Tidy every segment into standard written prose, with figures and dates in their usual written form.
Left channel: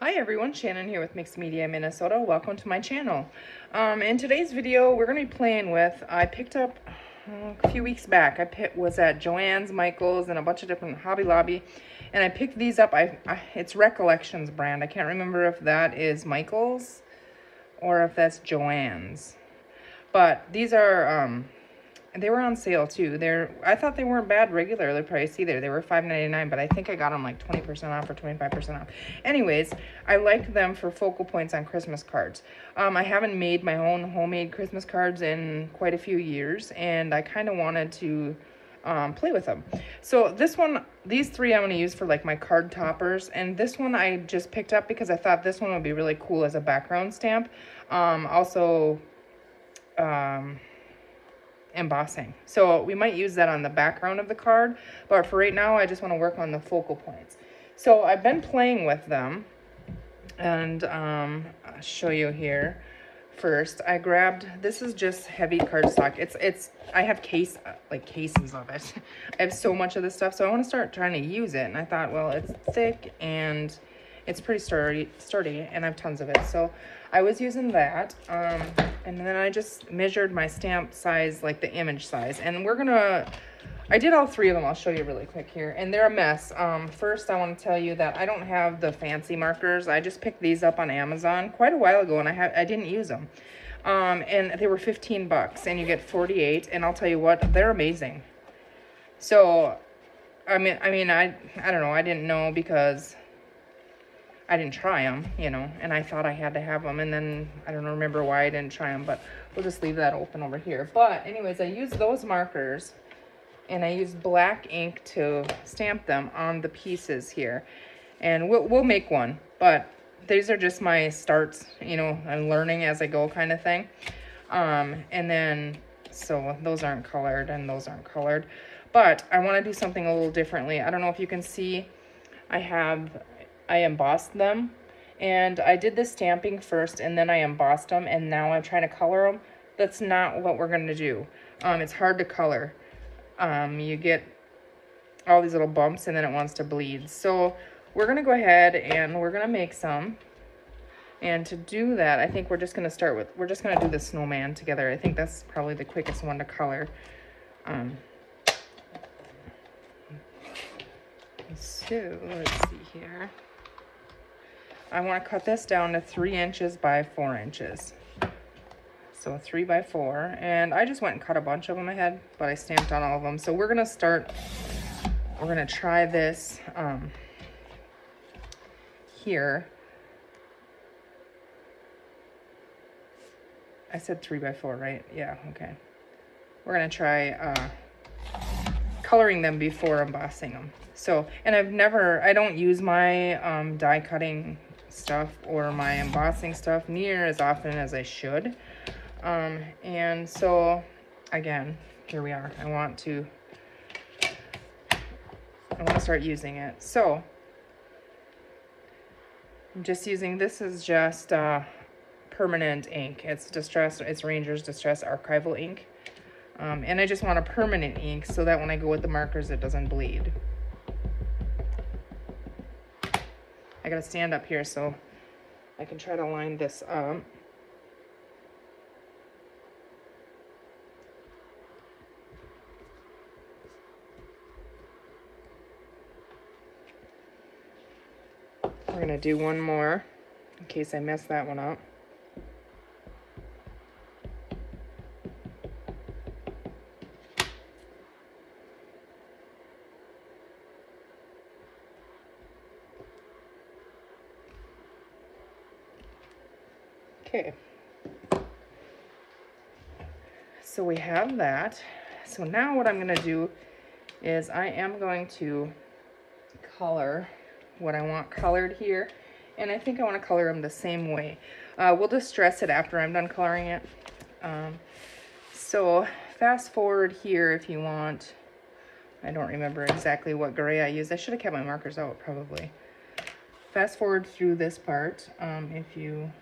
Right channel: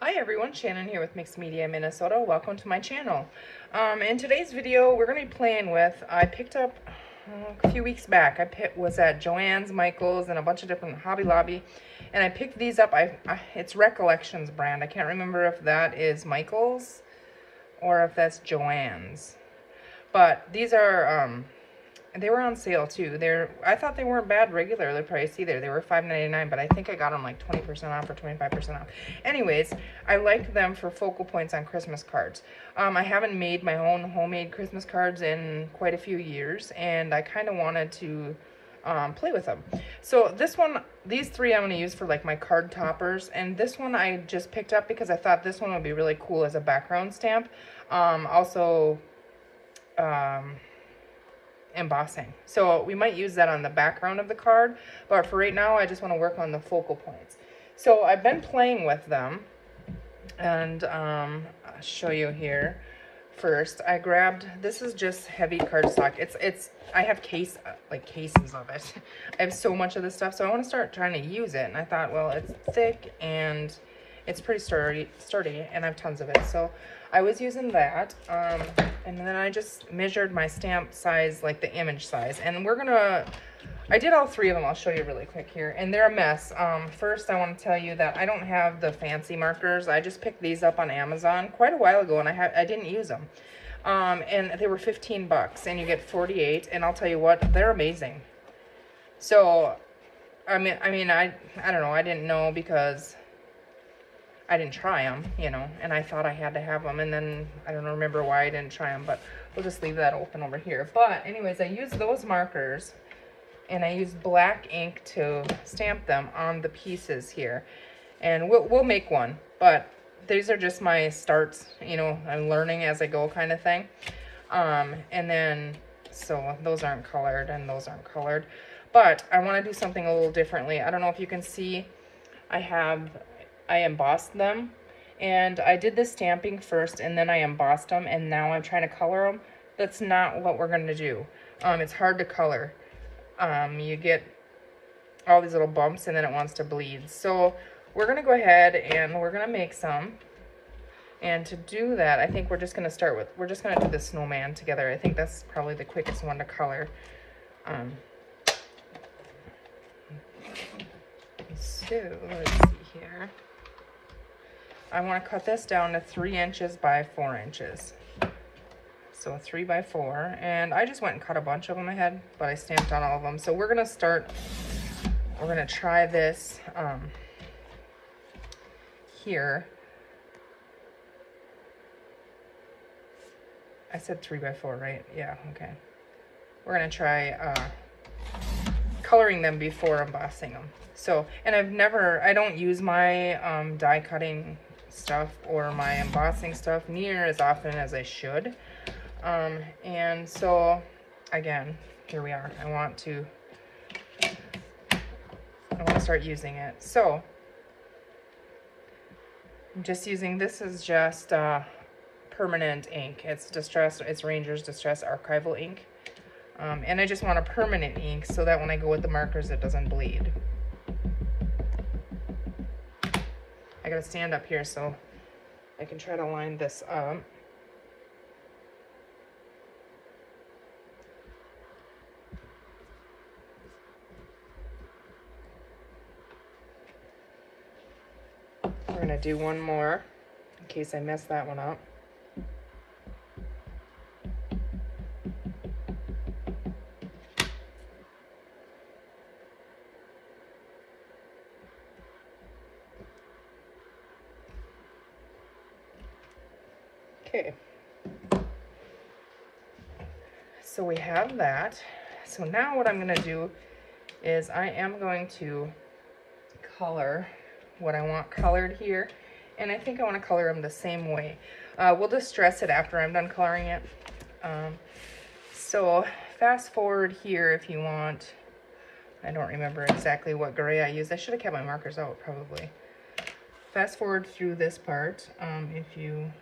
Hi everyone, Shannon here with Mixed Media Minnesota. Welcome to my channel. In today's video, we're going to be playing with, I picked up a few weeks back, was at Joann's, Michael's, and a bunch of different Hobby Lobby, and I picked these up. It's Recollections brand. I can't remember if that is Michael's or if that's Joann's. But these are, they were on sale too. I thought they weren't bad regularly priced either. They were $5.99, but I think I got them like 20% off or 25% off. Anyways, I like them for focal points on Christmas cards. I haven't made my own homemade Christmas cards in quite a few years, and I kind of wanted to play with them. So these three I'm going to use for like my card toppers, and this one I just picked up because I thought this one would be really cool as a background stamp. Embossing. So we might use that on the background of the card, but for right now I just want to work on the focal points. So I've been playing with them, and I'll show you here. First, I grabbed, this is just heavy cardstock. I have cases of it. I have so much of this stuff, so I want to start trying to use it, and I thought, well, it's thick and it's pretty sturdy, and I have tons of it. So I was using that, and then I just measured my stamp size, like the image size, and I did all three of them. I'll show you really quick here, and they're a mess. First, I want to tell you that I don't have the fancy markers. I just picked these up on Amazon quite a while ago, and I didn't use them. And they were 15 bucks, and you get 48, and I'll tell you what, they're amazing. So, I don't know, I didn't know because I didn't try them, you know, and I thought I had to have them, and then I don't remember why I didn't try them, but we'll just leave that open over here. But anyways, I used those markers, and I used black ink to stamp them on the pieces here, and we'll make one, but these are just my starts, you know, and learning as I go kind of thing. And then, so those aren't colored, and those aren't colored, but I want to do something a little differently. I don't know if you can see, I embossed them, and I did the stamping first, and then I embossed them, and now I'm trying to color them. That's not what we're going to do. It's hard to color. You get all these little bumps, and then it wants to bleed. So we're going to go ahead, and we're going to make some. And to do that, I think we're just going to do the snowman together. I think that's probably the quickest one to color. So let's see here. I want to cut this down to 3 inches by 4 inches. So 3 by 4. And I just went and cut a bunch of them ahead, but I stamped on all of them. So we're going to try this here. I said 3 by 4, right? Yeah, okay. We're going to try coloring them before embossing them. So, and I don't use my die cutting stuff or my embossing stuff near as often as I should. And so, again, here we are. I want to start using it. So, I'm just using, this is just permanent ink. It's Ranger's Distress Archival ink. And I just want a permanent ink so that when I go with the markers, it doesn't bleed. I gotta stand up here so I can try to line this up. We're gonna do one more in case I mess that one up. Okay, so we have that. So now what I'm going to do is I am going to color what I want colored here, and I think I want to color them the same way. We'll distress it after I'm done coloring it. So fast forward here if you want. I don't remember exactly what gray I used. I should have kept my markers out probably. Fast forward through this part if you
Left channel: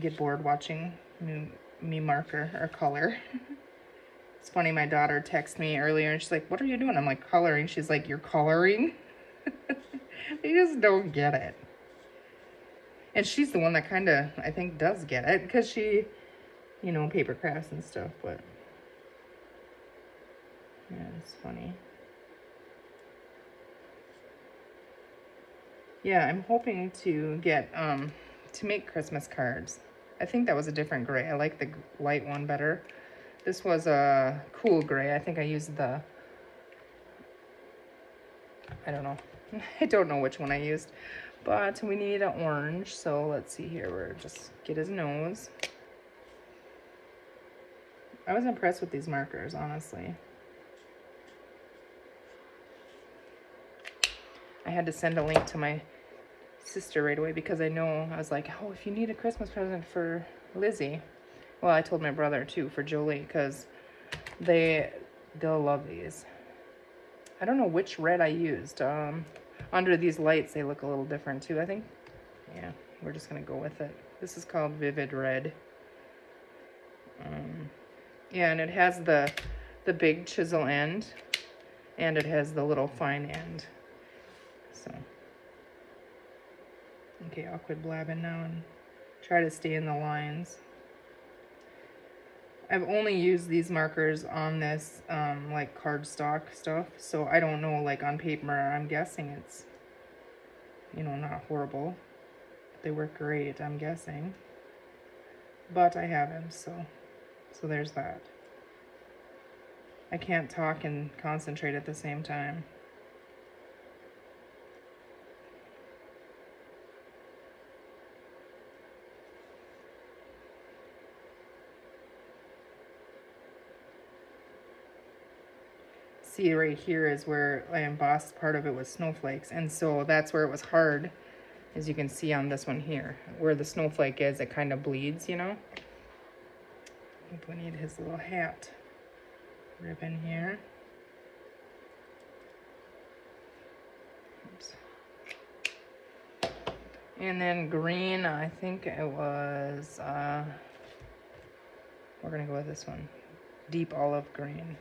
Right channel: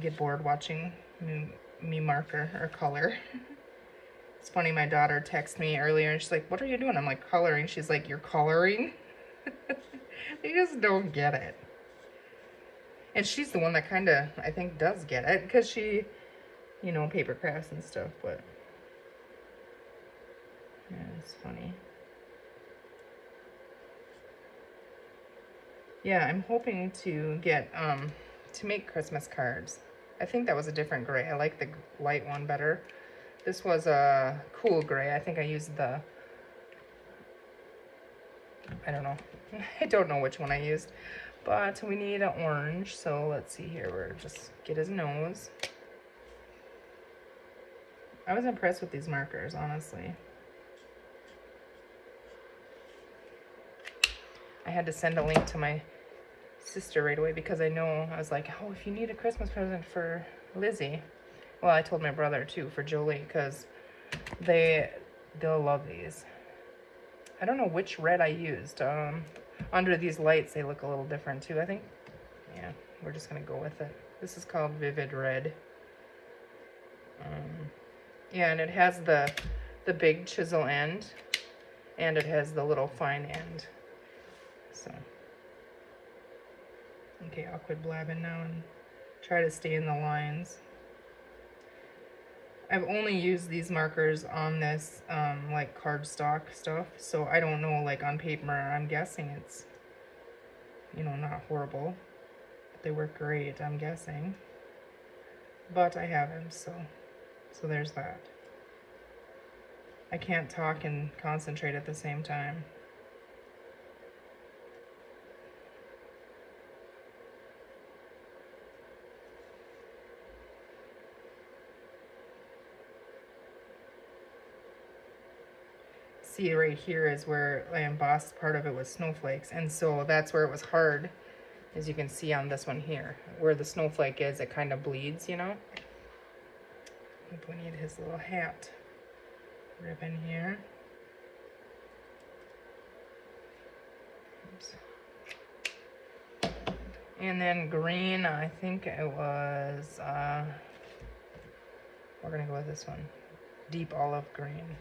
get bored watching me marker or color. It's funny, my daughter texted me earlier and she's like, what are you doing? I'm like, coloring. She's like, you're coloring? I just don't get it. And she's the one that kind of, I think, does get it, because she, you know, paper crafts and stuff, but yeah, it's funny. Yeah, I'm hoping to get, to make Christmas cards. I think that was a different gray. I like the light one better. This was a cool gray. I think I used the, I don't know. I don't know which one I used. But we need an orange, so let's see here. We'll just get his nose. I was impressed with these markers, honestly. I had to send a link to my sister right away because I was like, oh, if you need a Christmas present for Lizzie. Well, I told my brother too, for Jolie, because they'll love these. I don't know which red I used. Under these lights, they look a little different too, I think. Yeah, we're just gonna go with it. This is called Vivid Red. Yeah, and it has the big chisel end, and it has the little fine end. So, okay, I'll quit blabbing now and try to stay in the lines. I've only used these markers on this, like, cardstock stuff, so I don't know, like, on paper. I'm guessing it's, you know, not horrible. They work great, I'm guessing. But I haven't, so there's that. I can't talk and concentrate at the same time. See, right here is where I embossed part of it with snowflakes, and so that's where it was hard, as you can see on this one here. Where the snowflake is, it kind of bleeds, you know? I think we need his little hat ribbon here. Oops. And then green, I think it was, we're gonna go with this one, deep olive green.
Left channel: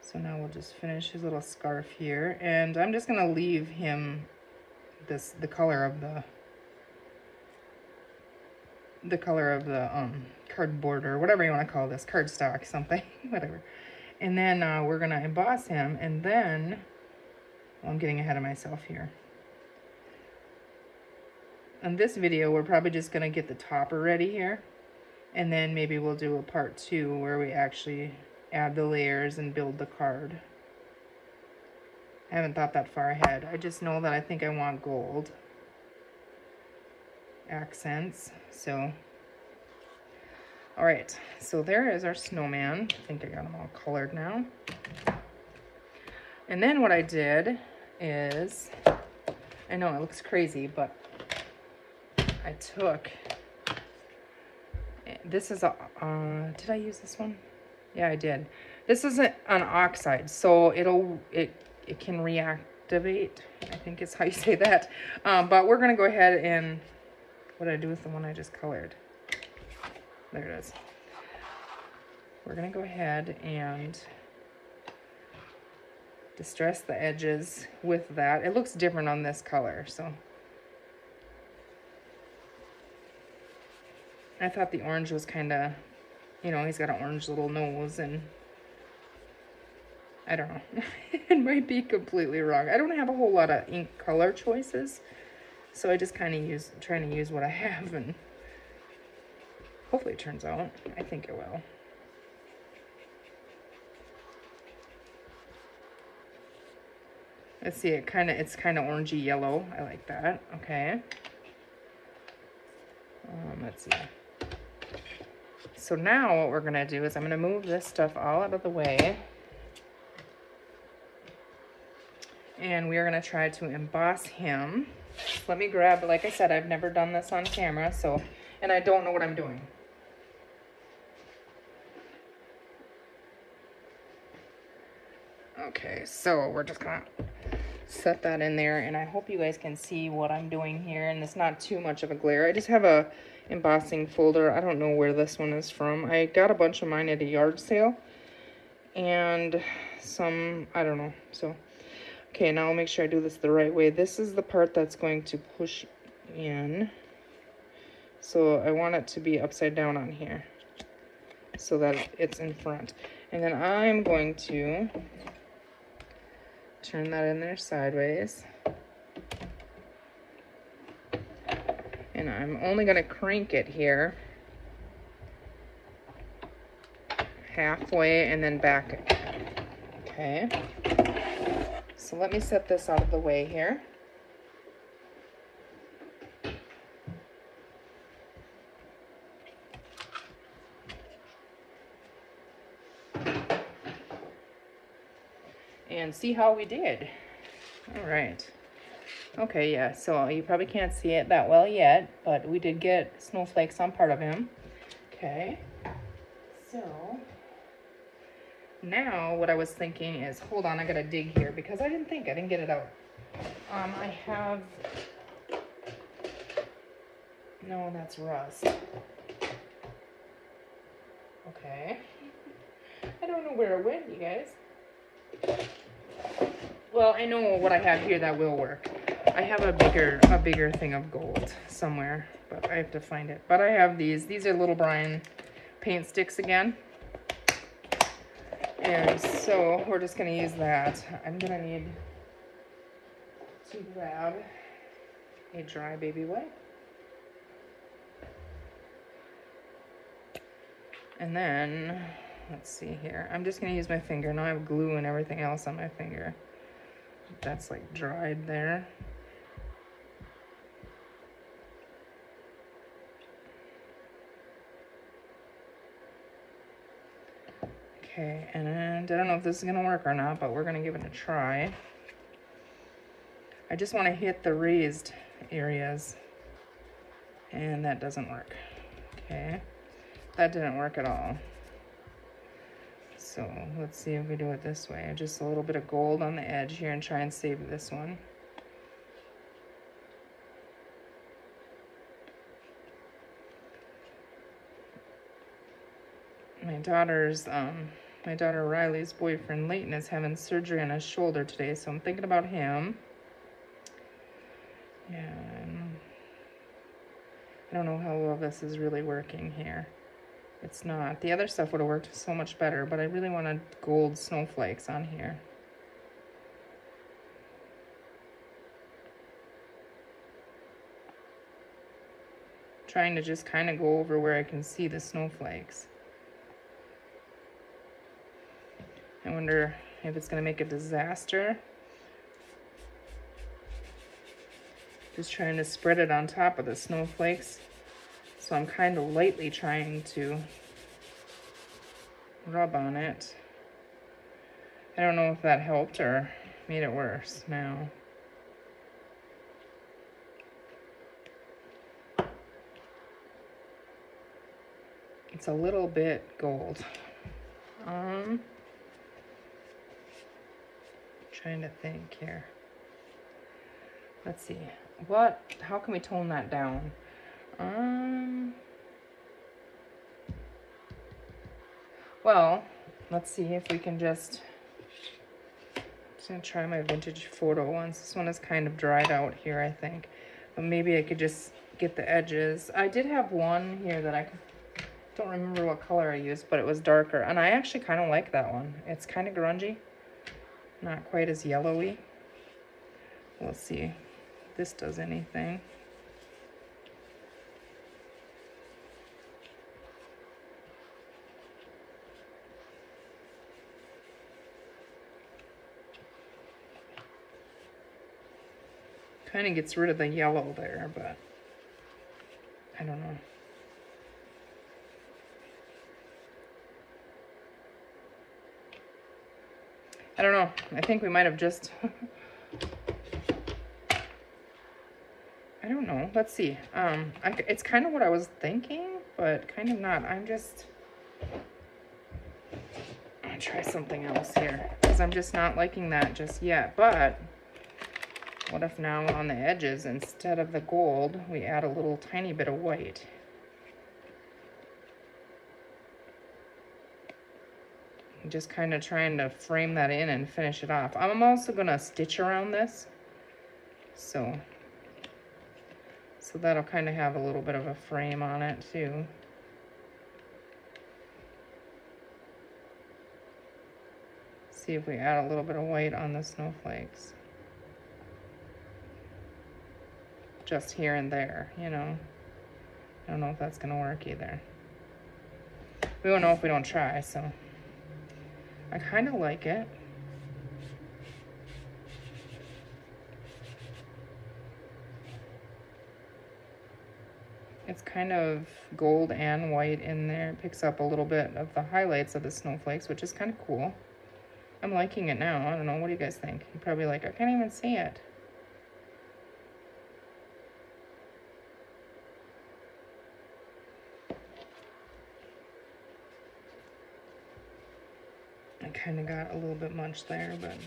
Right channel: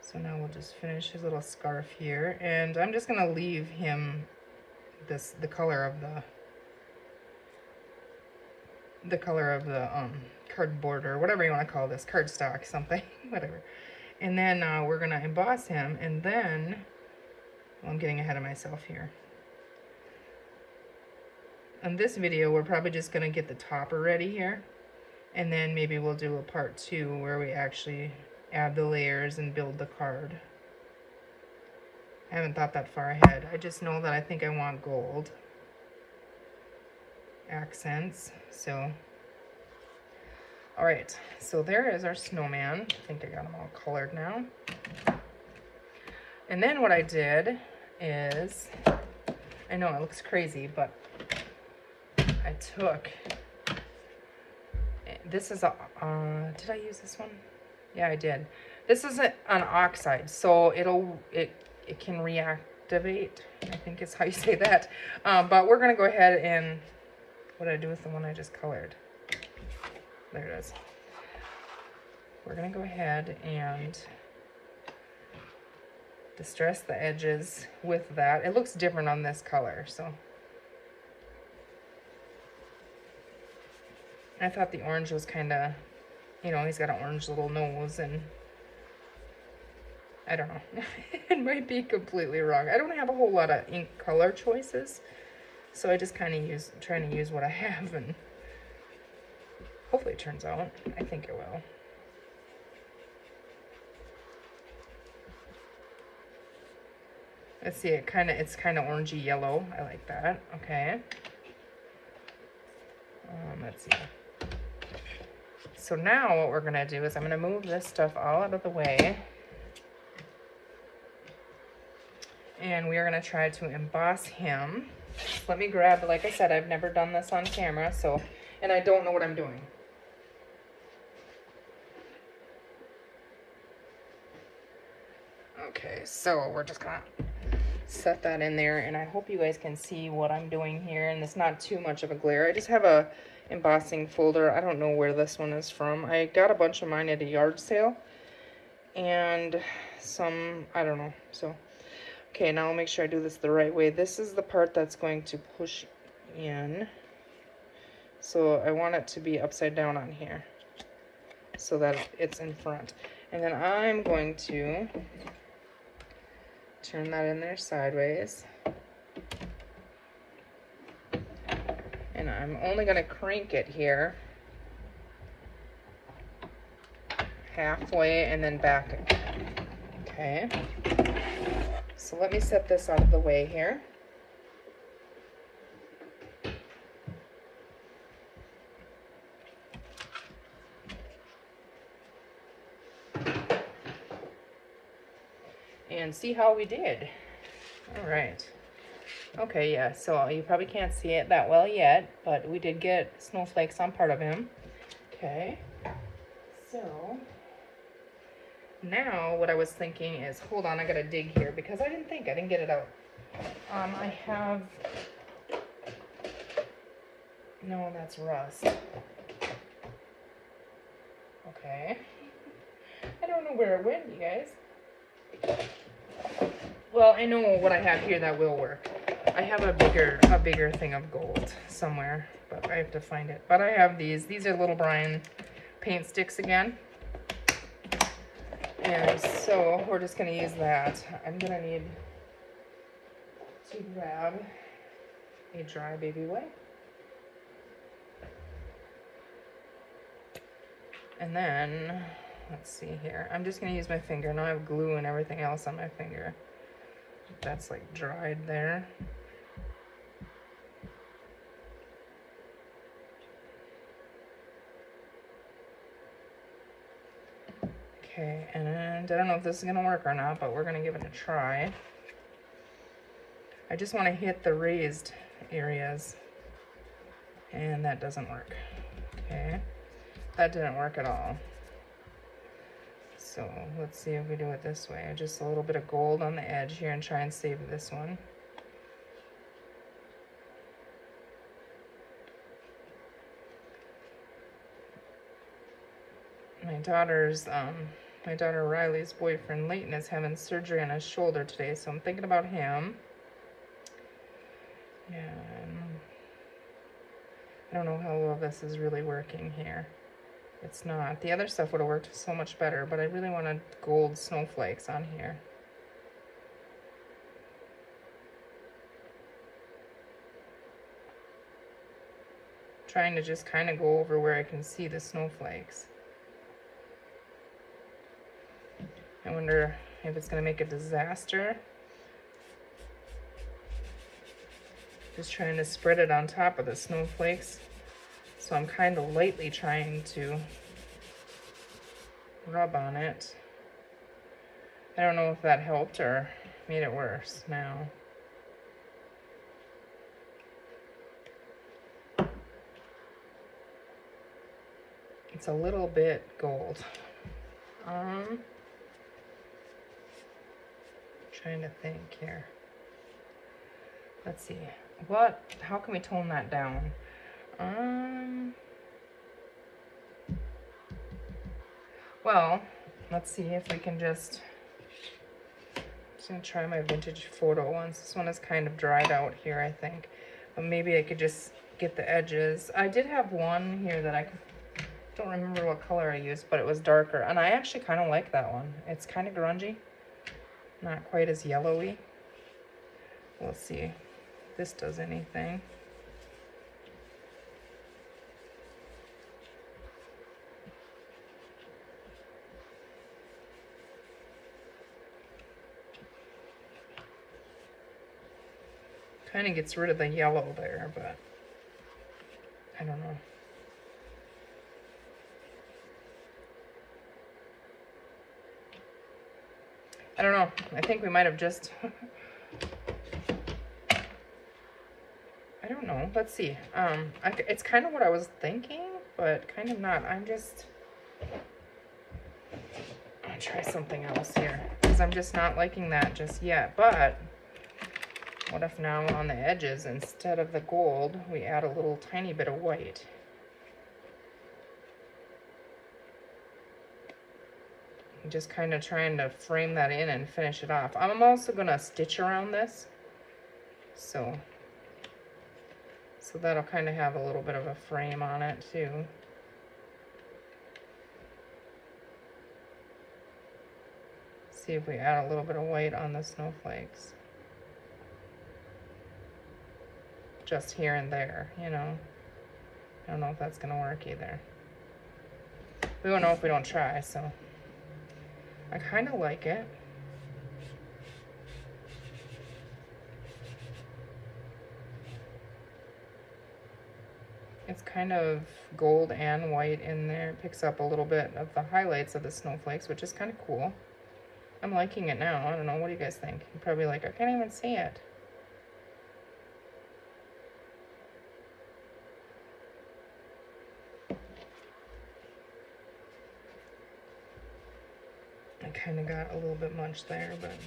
So now we'll just finish his little scarf here, and I'm just gonna leave him the color of the cardboard, or whatever you want to call this, cardstock, something, whatever. And then we're gonna emboss him, and then, well, I'm getting ahead of myself here. In this video, we're probably just gonna get the topper ready here, and then maybe we'll do a part 2 where we actually add the layers and build the card. I haven't thought that far ahead. I just know that I think I want gold accents. So, all right. So there is our snowman. I think I got them all colored now. And then what I did is, I know it looks crazy, but I took, this is a, did I use this one? Yeah, I did. This isn't an oxide, so it can reactivate, I think is how you say that. But we're gonna go ahead and, what did I do with the one I just colored? There it is. We're gonna go ahead and distress the edges with that. It looks different on this color, so. I thought the orange was kind of, you know, he's got an orange little nose, and I don't know. It might be completely wrong. I don't have a whole lot of ink color choices, so I just kind of trying to use what I have, and hopefully it turns out. I think it will. Let's see, it's kind of orangey yellow. I like that. Okay. Let's see. So now what we're gonna do is I'm gonna move this stuff all out of the way, and we're gonna try to emboss him. Let me grab, like I said, I've never done this on camera, so, and I don't know what I'm doing. Okay, so we're just gonna set that in there, and I hope you guys can see what I'm doing here, and it's not too much of a glare. I just have a embossing folder. I don't know where this one is from. I got a bunch of mine at a yard sale, and some, I don't know. So Okay, now I'll make sure I do this the right way. This is the part that's going to push in. So I want it to be upside down on here so that it's in front. And then I'm going to turn that in there sideways. And I'm only going to crank it here halfway and then back it. Okay. So let me set this out of the way here. And see how we did. All right. Okay, yeah, so you probably can't see it that well yet, but we did get snowflakes on part of him. Okay. So now what I was thinking is, hold on, I gotta dig here because I didn't get it out. I have, no, that's rust. Okay. I don't know where it went, you guys. Well, I know what I have here that will work. I have a bigger thing of gold somewhere, but I have to find it. But I have these. These are Little Brian paint sticks again. And so we're just gonna use that. I'm gonna need to grab a dry baby wipe. And then, let's see here. I'm just gonna use my finger. Now I have glue and everything else on my finger. That's like dried there. Okay, and I don't know if this is gonna work or not, but we're gonna give it a try. I just want to hit the raised areas, and that doesn't work. Okay, that didn't work at all. So let's see if we do it this way. Just a little bit of gold on the edge here and try and save this one. My daughter Riley's boyfriend Leighton is having surgery on his shoulder today, so I'm thinking about him. And I don't know how well this is really working here. It's not. The other stuff would have worked so much better, but I really wanted gold snowflakes on here. Trying to just kind of go over where I can see the snowflakes. I wonder if it's going to make a disaster. Just trying to spread it on top of the snowflakes. So I'm kind of lightly trying to rub on it. I don't know if that helped or made it worse now. It's a little bit gold. Trying to think here. Let's see. How can we tone that down? Well, let's see if we can just try my vintage photo ones. This one is kind of dried out here, I think. But maybe I could just get the edges. I did have one here that I don't remember what color I used, but it was darker. And I actually kind of like that one. It's kind of grungy. Not quite as yellowy. Let's see if this does anything. Kind of gets rid of the yellow there, but I don't know. I don't know. I think we might have just... I don't know. Let's see. It's kind of what I was thinking, but kind of not. I'm gonna try something else here, because I'm just not liking that just yet. But what if now on the edges, instead of the gold, we add a little tiny bit of white? I'm just kind of trying to frame that in and finish it off. I'm also going to stitch around this. So that'll kind of have a little bit of a frame on it too. See if we add a little bit of white on the snowflakes. Just here and there, you know. I don't know if that's gonna work either. We won't know if we don't try, so. I kind of like it. It's kind of gold and white in there. It picks up a little bit of the highlights of the snowflakes, which is kind of cool. I'm liking it now. I don't know. What do you guys think? You're probably like, I can't even see it. I kind of got a little bit much there, but...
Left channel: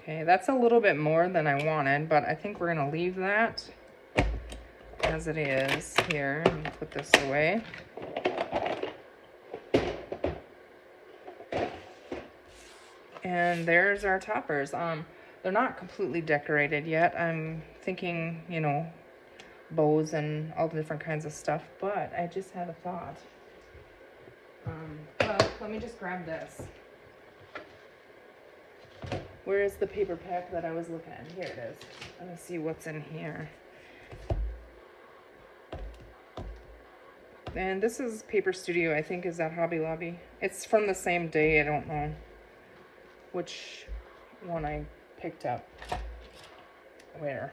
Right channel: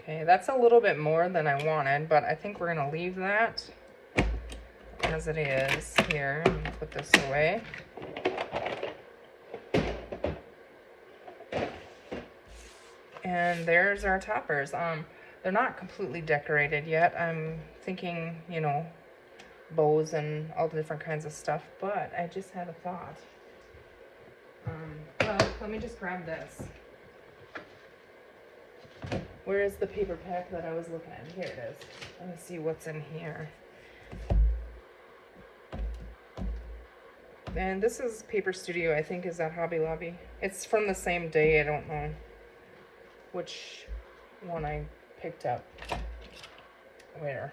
Okay, that's a little bit more than I wanted, but I think we're going to leave that as it is here. And put this away. And there's our toppers. They're not completely decorated yet. I'm thinking, you know, bows and all the different kinds of stuff, but I just had a thought. Well, let me just grab this. Where's the paper pack that I was looking at? Here it is. Let me see what's in here. And this is Paper Studio, I think is at Hobby Lobby. It's from the same day, I don't know which one I picked up. There.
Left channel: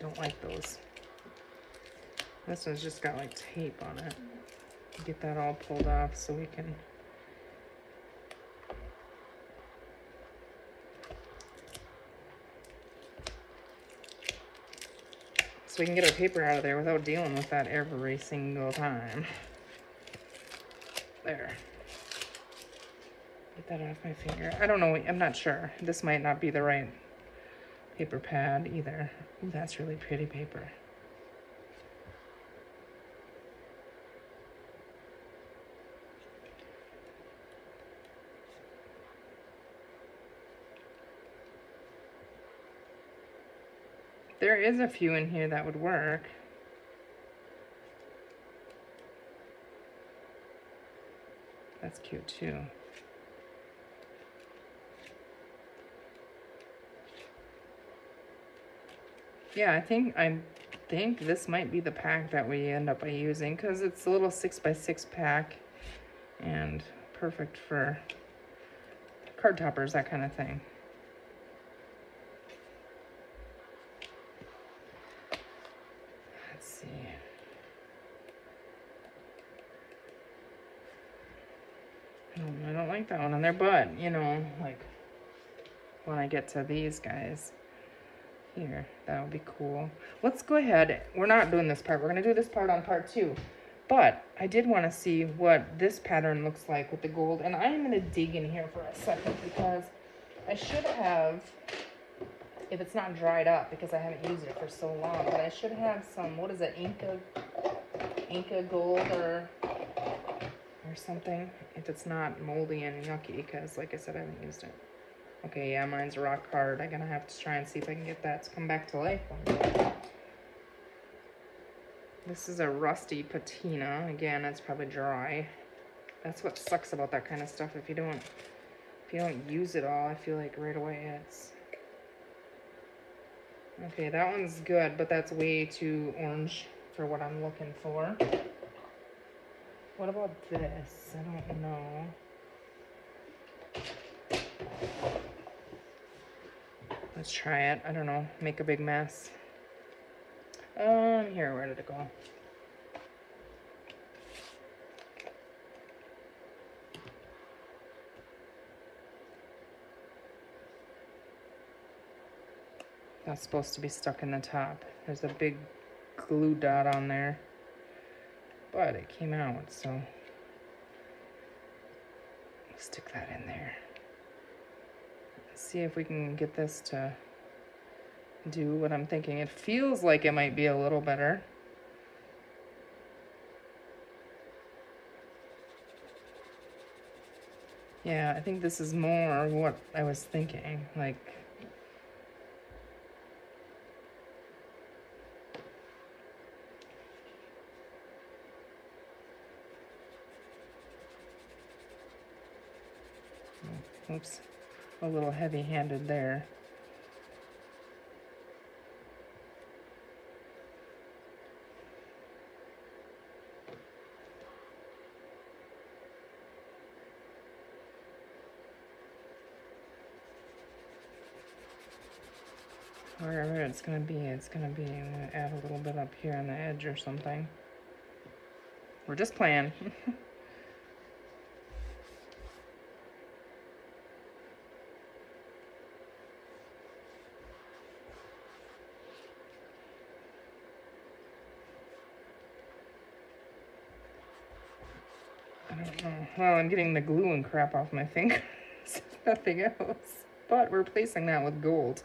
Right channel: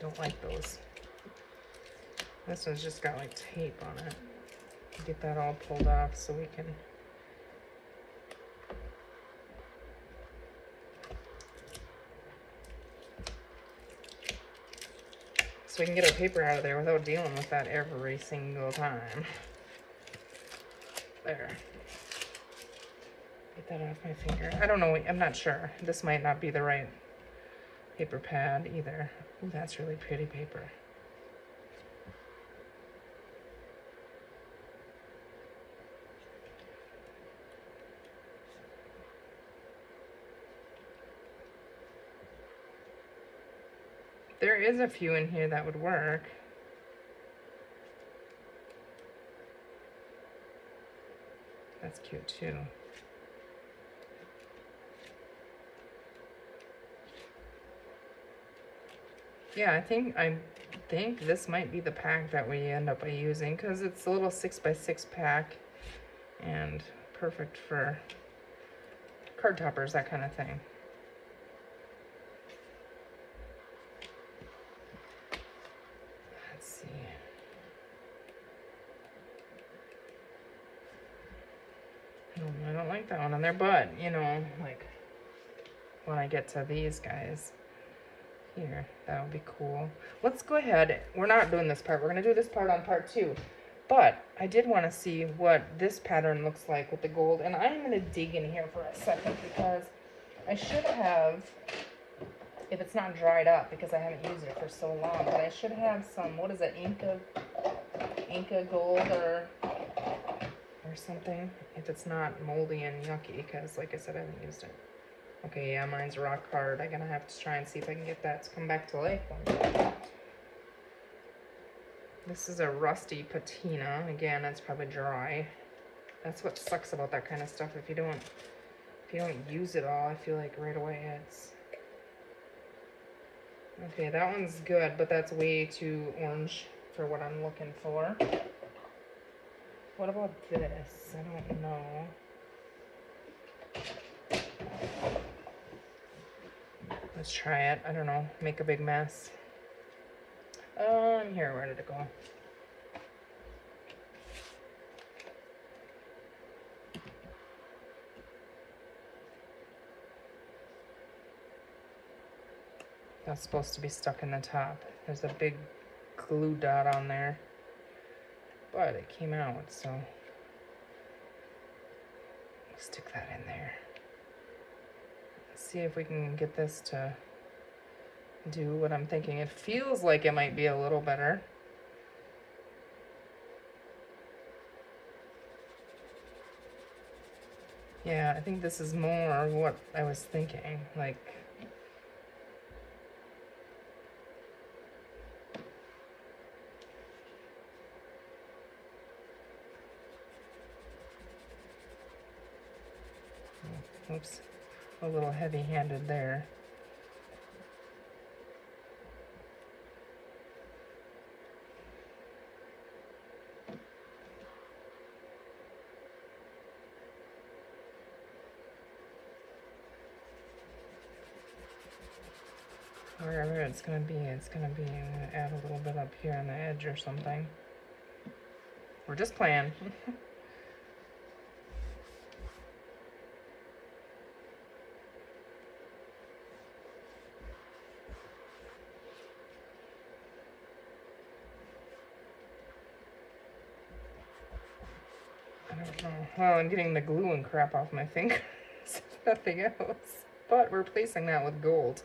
Don't like those. This one's just got like tape on it. Get that all pulled off so we can... So we can get our paper out of there without dealing with that every single time. There. Get that off my finger. I don't know, I'm not sure. This might not be the right paper pad either. Ooh, that's really pretty paper. There is a few in here that would work. That's cute too. Yeah, I think this might be the pack that we end up using because it's a little 6x6 pack and perfect for card toppers, that kind of thing. I don't like that one on there, but, you know, like, when I get to these guys, here, that would be cool. Let's go ahead, we're not doing this part, we're going to do this part on part 2, but I did want to see what this pattern looks like with the gold, and I'm going to dig in here for a second, because I should have, if it's not dried up, because I haven't used it for so long, but I should have some, what is it, Inca gold, or something, if it's not moldy and yucky, because like I said, I haven't used it. Okay, yeah, mine's rock hard. I'm gonna have to try and see if I can get that to come back to life. This is a rusty patina. Again, it's probably dry. That's what sucks about that kind of stuff. If you don't use it all, I feel like right away it's... Okay, that one's good, but that's way too orange for what I'm looking for. What about this? I don't know. Let's try it. I don't know. Make a big mess. Here, ready to go. That's supposed to be stuck in the top. There's a big glue dot on there. But it came out, so stick that in there. see if we can get this to do what I'm thinking. It feels like it might be a little better. Yeah, I think this is more what I was thinking, like, oops, a little heavy-handed there. Where it's gonna be, I'm gonna add a little bit up here on the edge or something. We're just playing. I'm getting the glue and crap off my fingers. Nothing else. But replacing that with gold.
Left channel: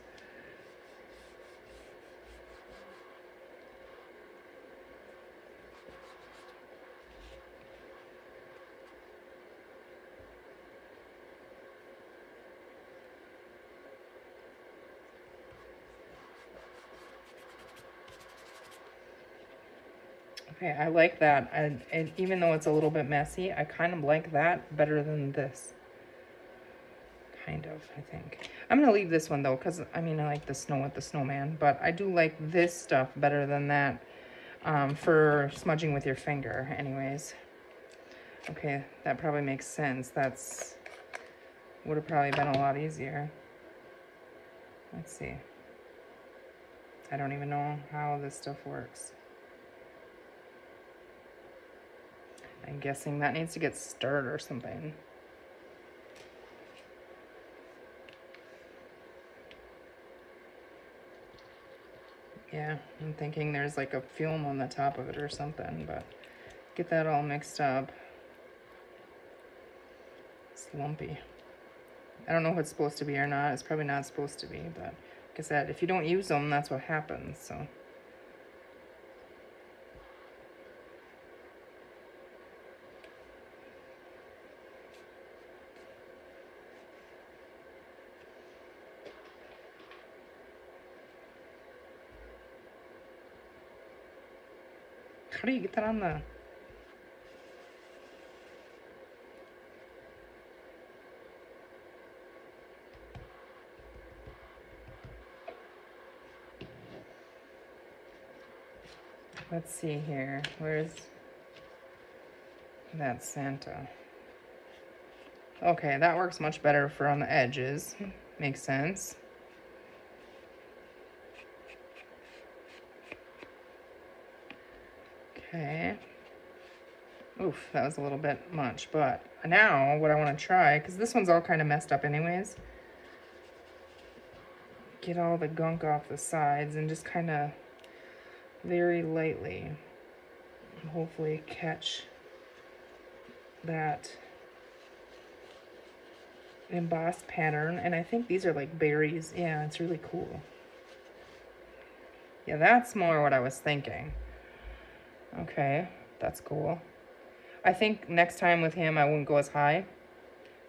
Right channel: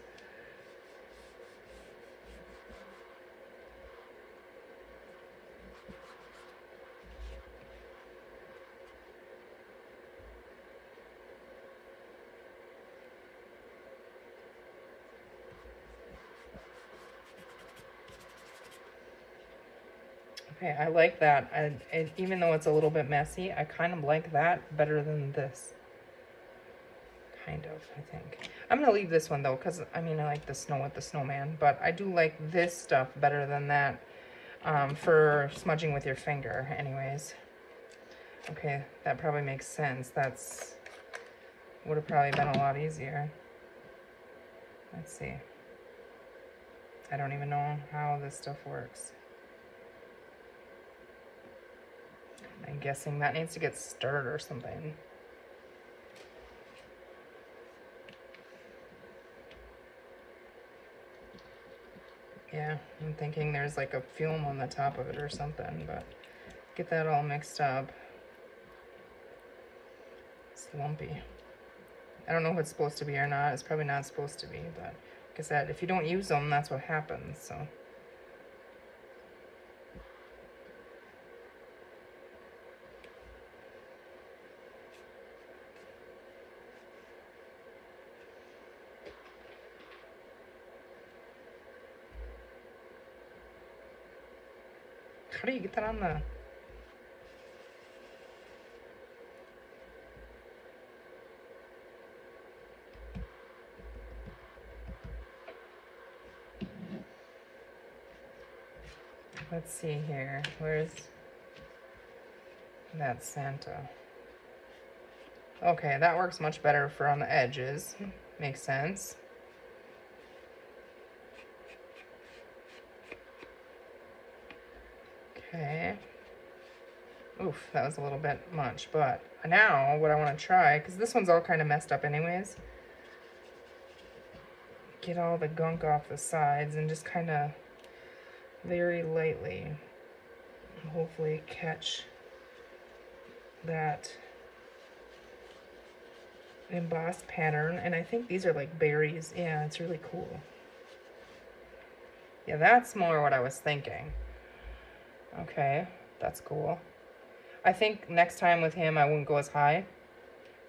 Okay, I like that, and even though it's a little bit messy, I kind of like that better than this. Kind of, I think. I'm going to leave this one, though, because, I mean, I like the snow with the snowman, but I do like this stuff better than that for smudging with your finger, anyways. Okay, that probably makes sense. That's would have probably been a lot easier. Let's see. I don't even know how this stuff works. I'm guessing that needs to get stirred or something. Yeah, I'm thinking there's like a film on the top of it or something, but get that all mixed up. It's lumpy. I don't know if it's supposed to be or not. It's probably not supposed to be, but like I said, if you don't use them, that's what happens, so. How do you get that on the... Let's see here. Where's that Santa? Okay, that works much better for on the edges. Makes sense. Okay. Oof, that was a little bit much, but now what I want to try, because this one's all kind of messed up anyways, get all the gunk off the sides and just kind of very lightly hopefully catch that embossed pattern. And I think these are like berries. Yeah, it's really cool. Yeah, that's more what I was thinking. Okay, that's cool. I think next time with him I won't go as high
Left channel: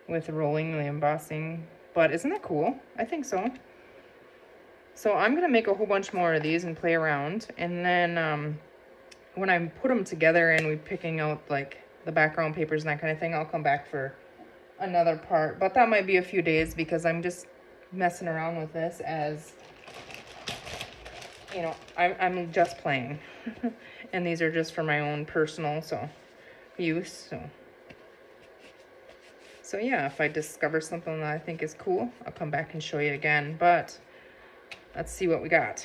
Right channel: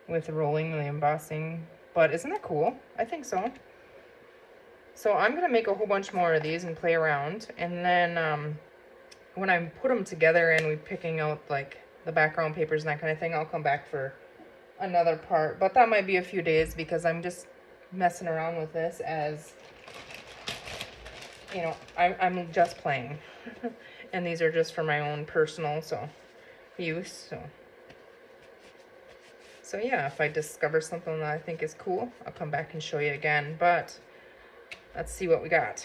with rolling the embossing, but isn't it cool? I think so. So I'm going to make a whole bunch more of these and play around, and then when I put them together and we're picking out like the background papers and that kind of thing, I'll come back for another part, but that might be a few days because I'm just messing around with this as, you know, I'm just playing. And these are just for my own personal use. So yeah, if I discover something that I think is cool, I'll come back and show you again. But let's see what we got.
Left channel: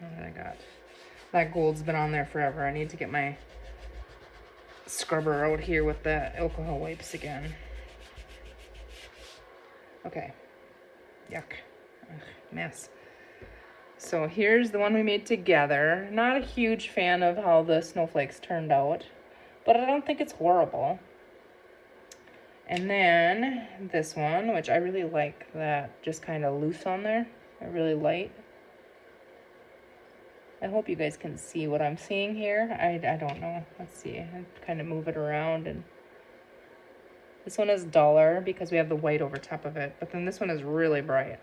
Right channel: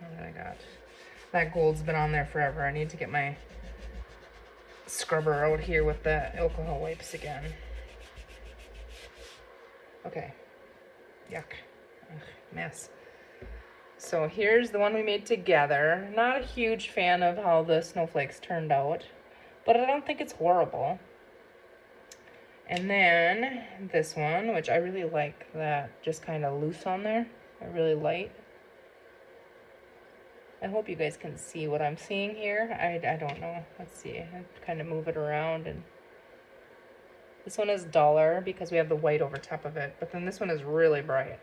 And I got that gold's been on there forever. I need to get my scrubber out here with the alcohol wipes again. Okay. Yuck. Ugh, mess. So here's the one we made together. Not a huge fan of how the snowflakes turned out, but I don't think it's horrible. And then this one, which I really like that just kind of loose on there. Really light. I hope you guys can see what I'm seeing here. I don't know. Let's see. I kind of move it around. And this one is duller because we have the white over top of it. But then this one is really bright.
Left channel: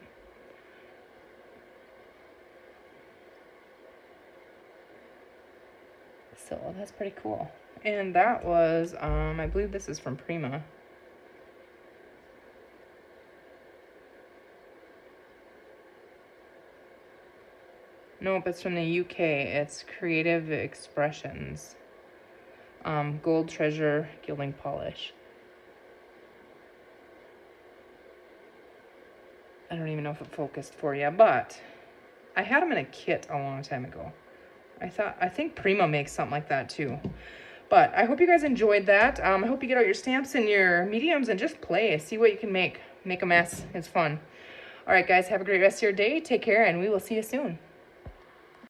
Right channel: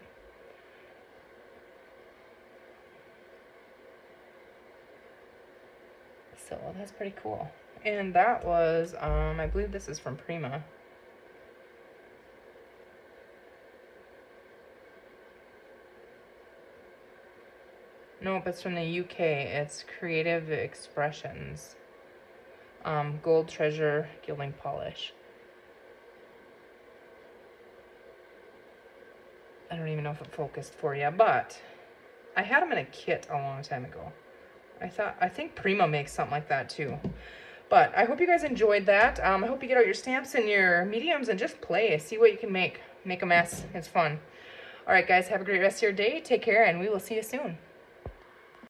So that's pretty cool. And that was, I believe this is from Prima. Nope, it's from the UK. It's Creative Expressions. Gold Treasure Gilding Polish. I don't even know if it focused for you, but I had them in a kit a long time ago. I think Prima makes something like that too. But I hope you guys enjoyed that. I hope you get out your stamps and your mediums and just play. See what you can make. Make a mess. It's fun. All right, guys, have a great rest of your day. Take care, and we will see you soon.